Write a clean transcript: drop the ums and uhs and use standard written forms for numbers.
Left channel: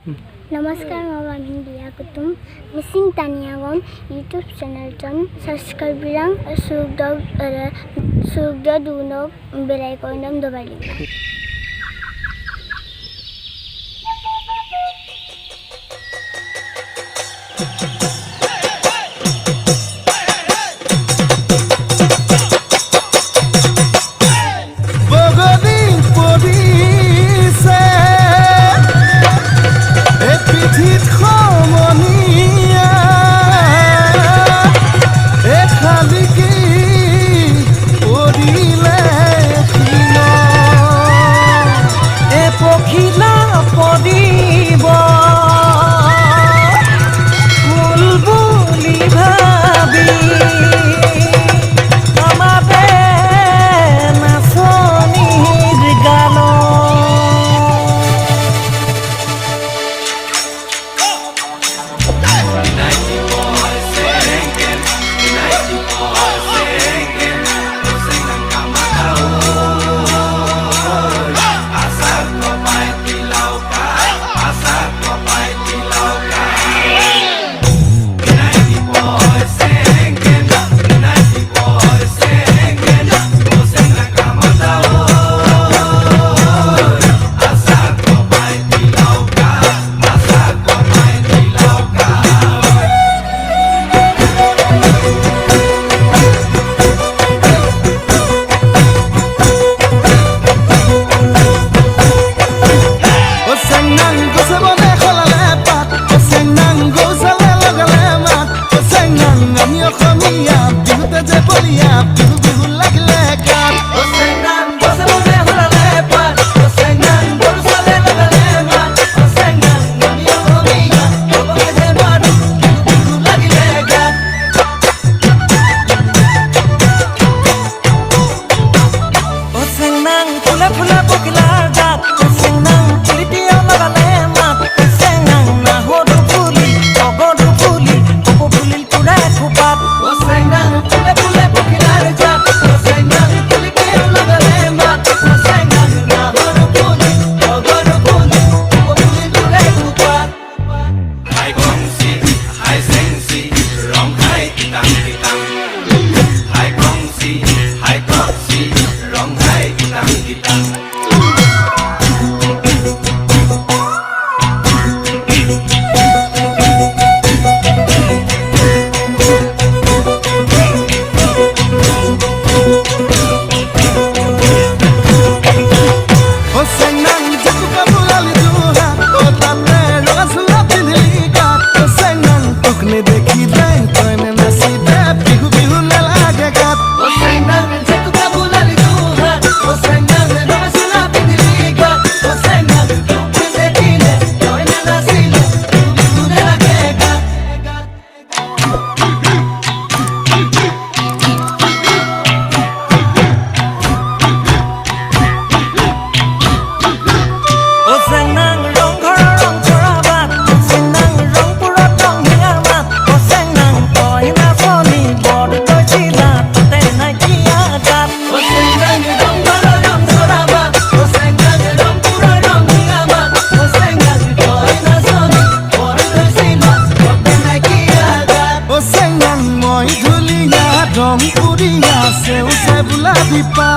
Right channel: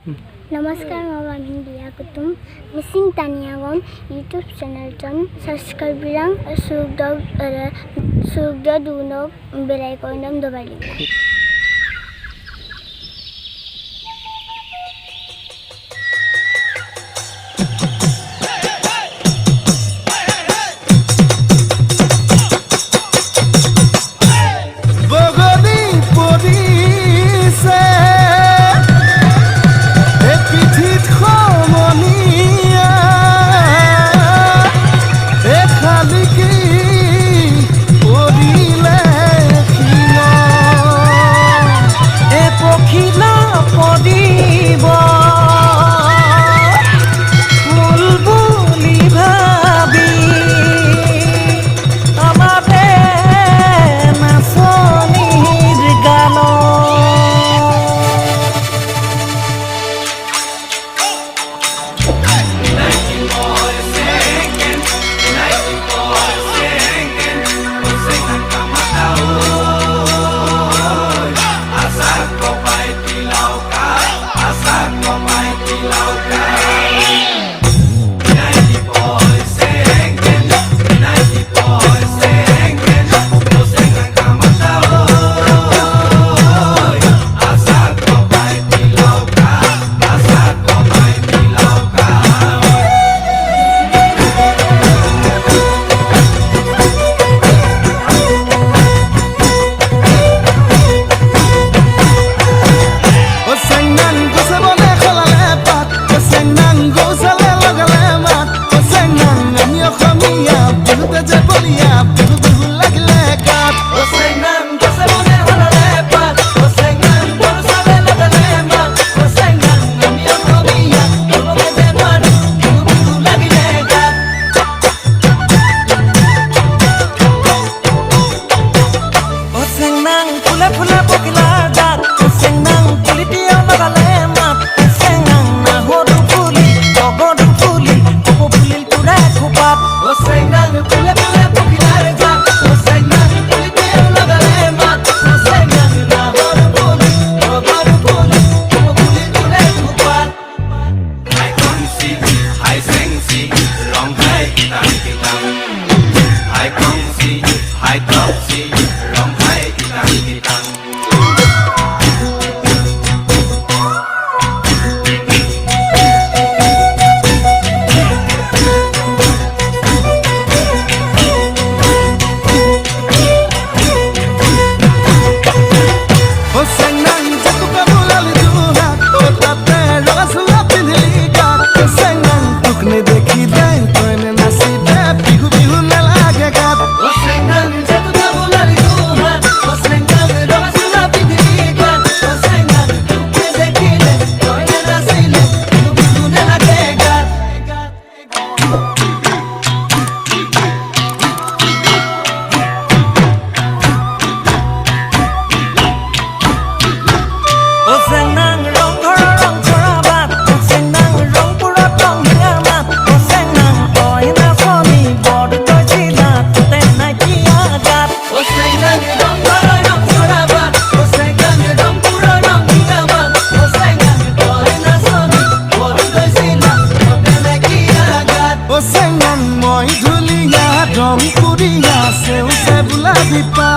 नमस्कार म बामिन बिया कुतुम मिसिङ तानियागम युट्युब चैनल टन सब्सक्राइब बिराङ सुगद दुनो बेलायको नम दबाली পখিলা পদিব ফুল বুলি ভাবি আমাতে নাচনির গান বিহুতে যে বলিয়া বিহু বিহু লাগিলে গাত ফুলে ফুলে পখিলার দাঁত সেংনাং পুলিটিয়া লাগালে মাত সেংনাং না হদু ফুলি অগদু ফুলি অপ ফুলিল তুরা খোপাত দেখি দেয় তনে নাচি দে বিহু বিহু নালাগে গাত মই ধুলিয়া রং পুরিয়া সেউ সে বুলা বিপা